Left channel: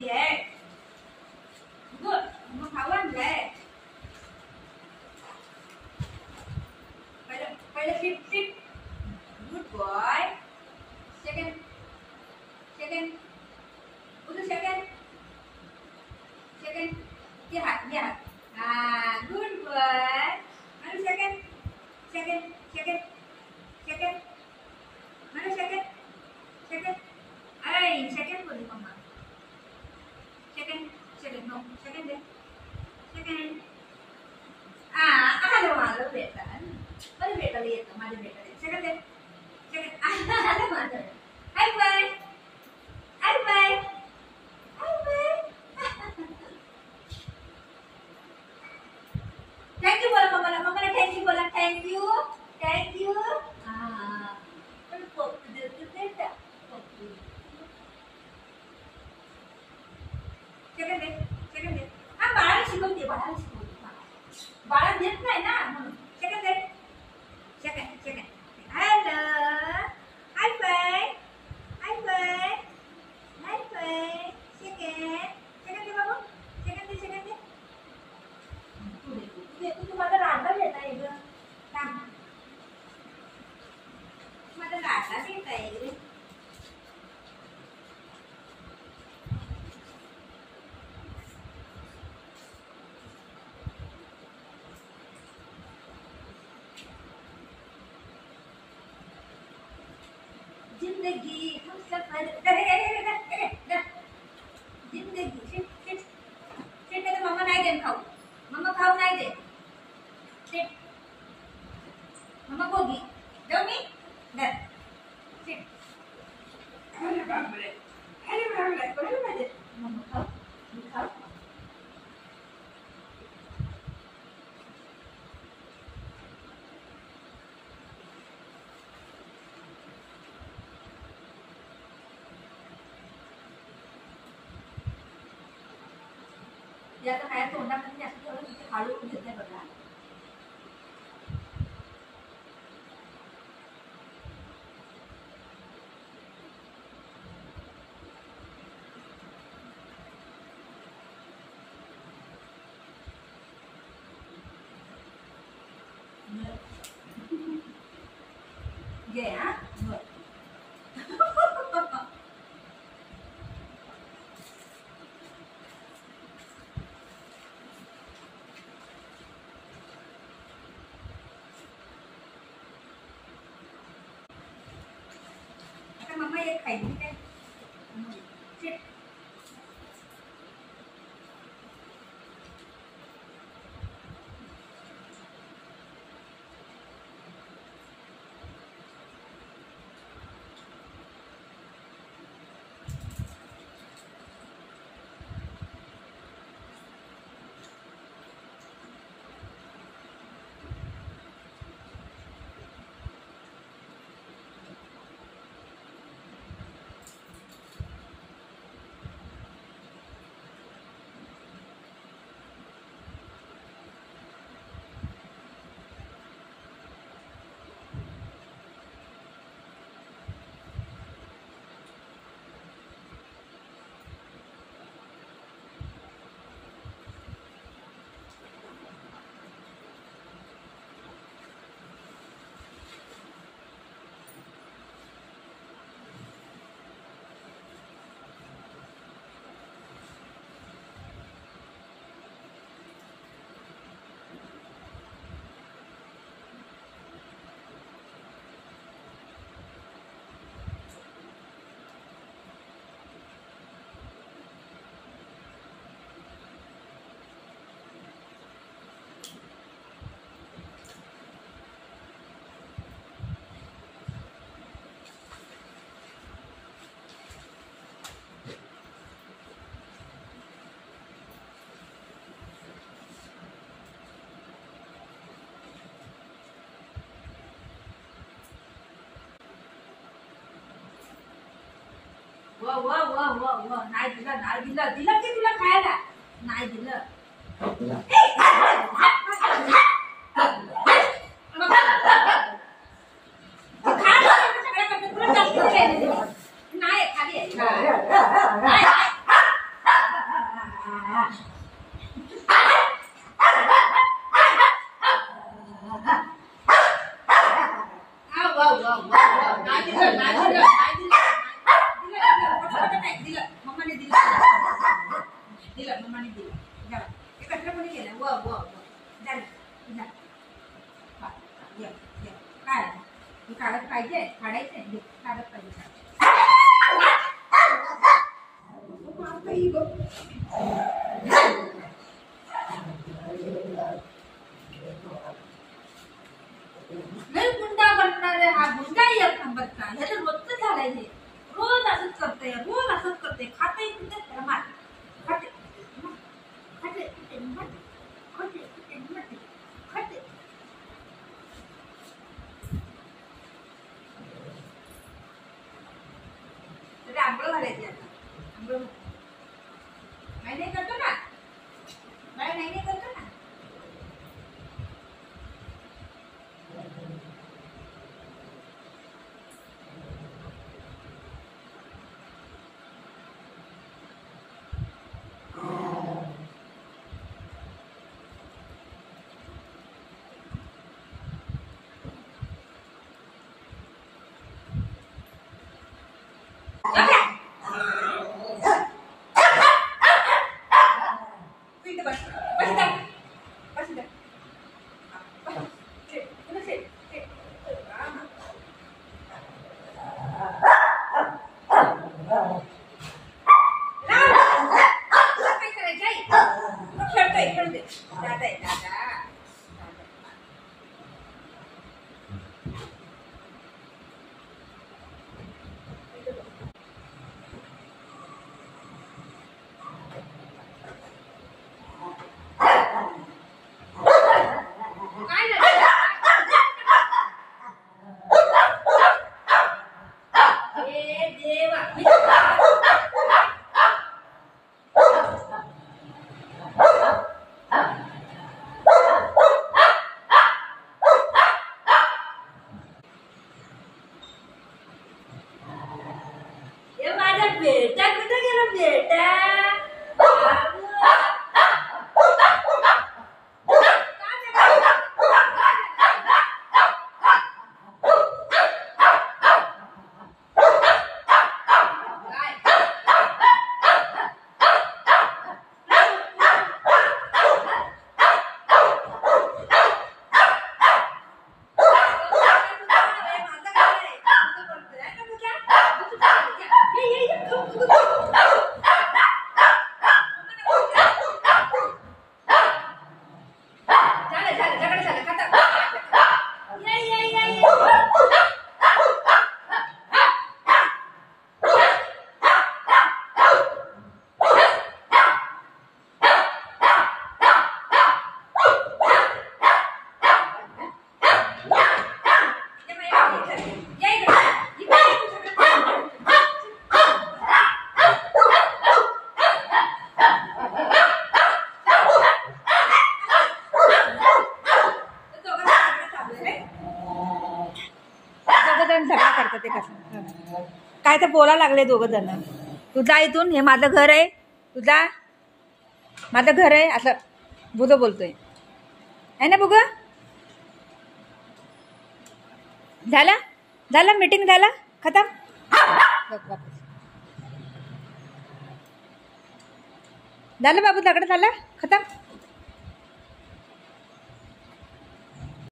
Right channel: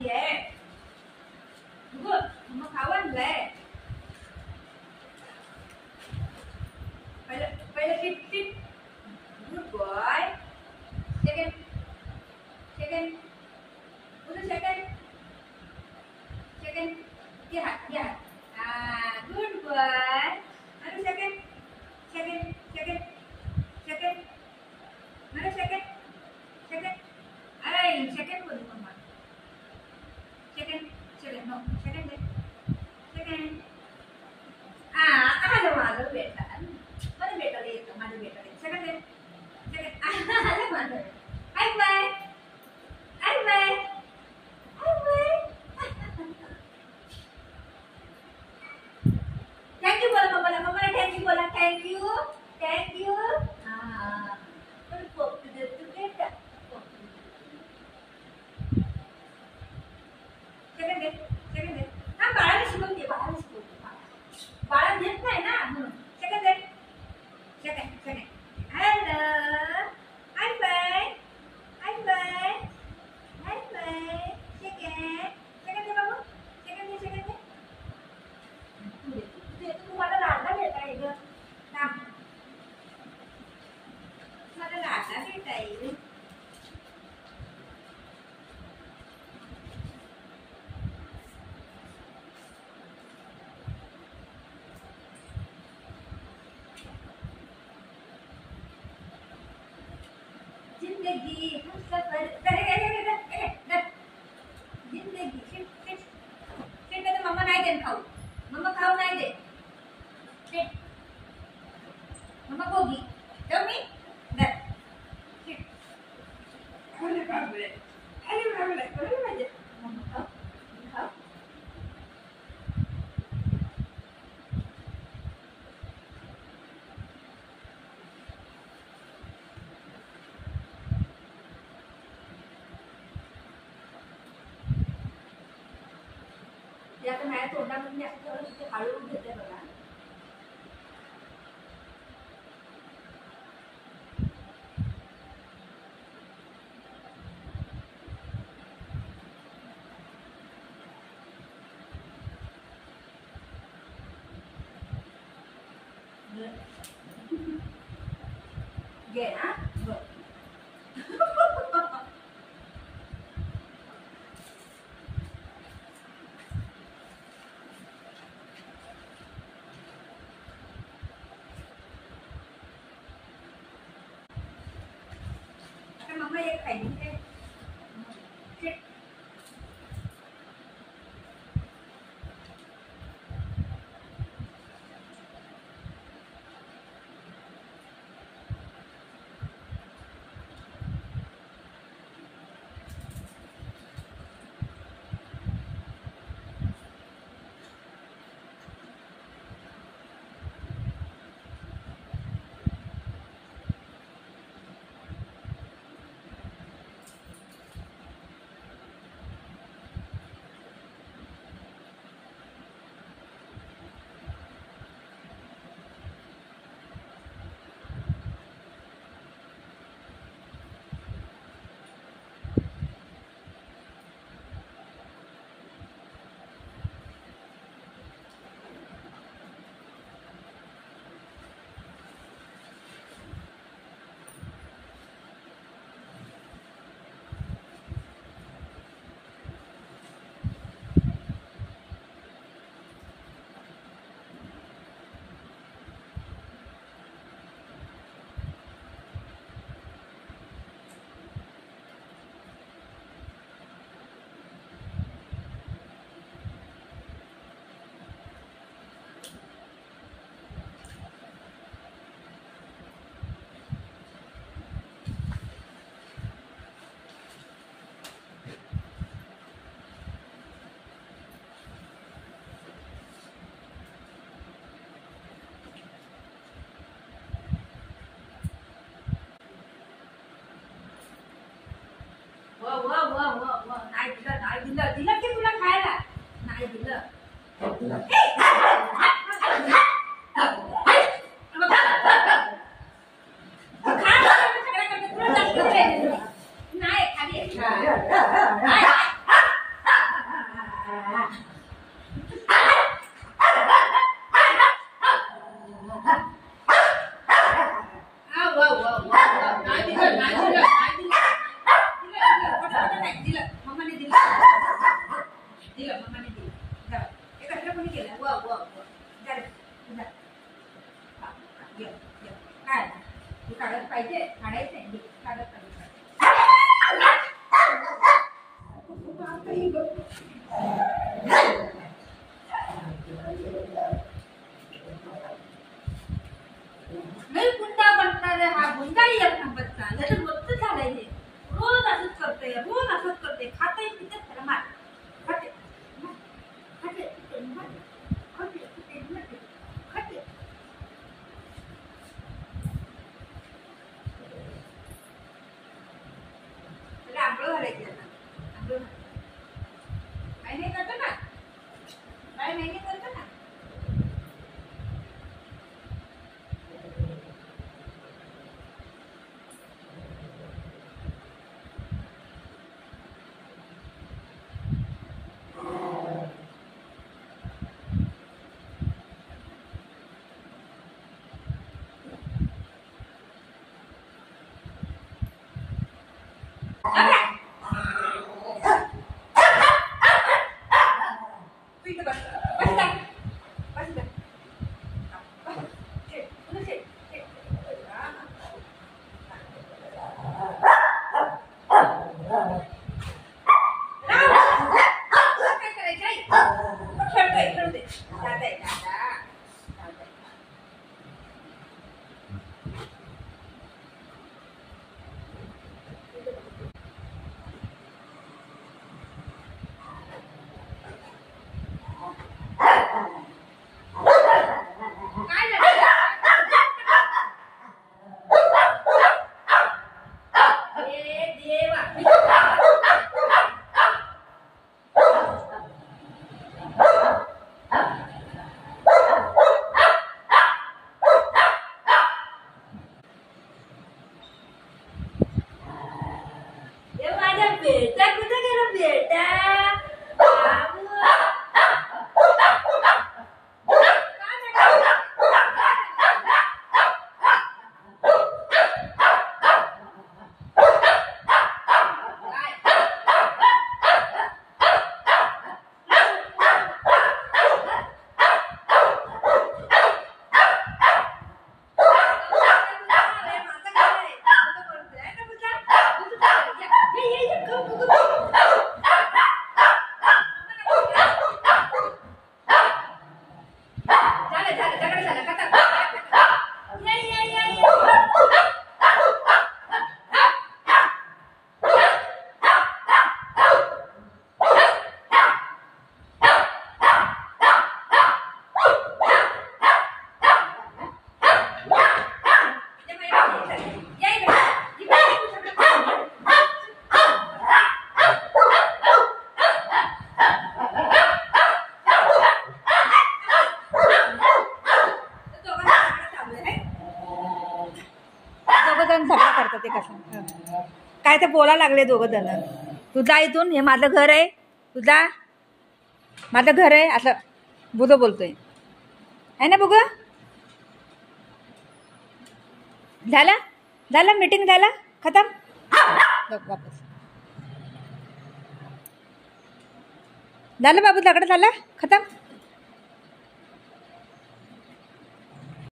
Yeah. Good. Mama खाऊ आणलंय. पहिले sit. Good boy. Second. Udah second. Lihat. Good boy. Mana second. Mana second. Ay, second boleh mama. Second. No, second deh. Second. Ada malu beta. Mana beta lihat, mana beta lihat. Second deh. Ada malu. High five. Thank you bola mama. Mama thank you bola. Thank you. पण पप्पू देतो बेटा. Second दे. बाळाला शिकवते. बाळा देत नाही ना म्हणून. सेकंड दे. सेकंड. हॅलो. हाय फाय. सेकंड दे बाबू. सेकंड दे. तू मला राडला भेटा आहे ग. थांब. मला राडला भेटा आहे. जिंदगी हम सफर जिंदगी शिट तर मम्मा नाही देन खाऊ. मम्मा खाऊ नाही दे. शिट. मम्मा गोगी जाऊ मी दर. शिट. अरे बापरे. मम्मा खाऊ. आता माझ्या तोंडामध्ये असं थोडं किती हळू घेते बघा. घे हा. मम्मा एक खायची काय. नाही दिलं की तुला खायला नाही दिलं. नाही खाली करते, रोज असंच करते, खाते पिते त्याला मार, खाते खाते पिते मारते, खाते पिते मारते, खाते. त्याला आंघोळ घालायची आता, आंघोळ नाही नाही करतो ना, नाही नाही करतो ना. बेटा कुठे गेला बेटा? झगडा करतात ते कसं काय ते बोला लागले दोघं जण. तुझा इथून हे माझं घर आहे, तुझा माझं घर आहे असं बुध बोलतोय है ना बुग. झालं झालं मीटिंग झालं खतम. वापस झालं बाबू झगडा झाला खतम.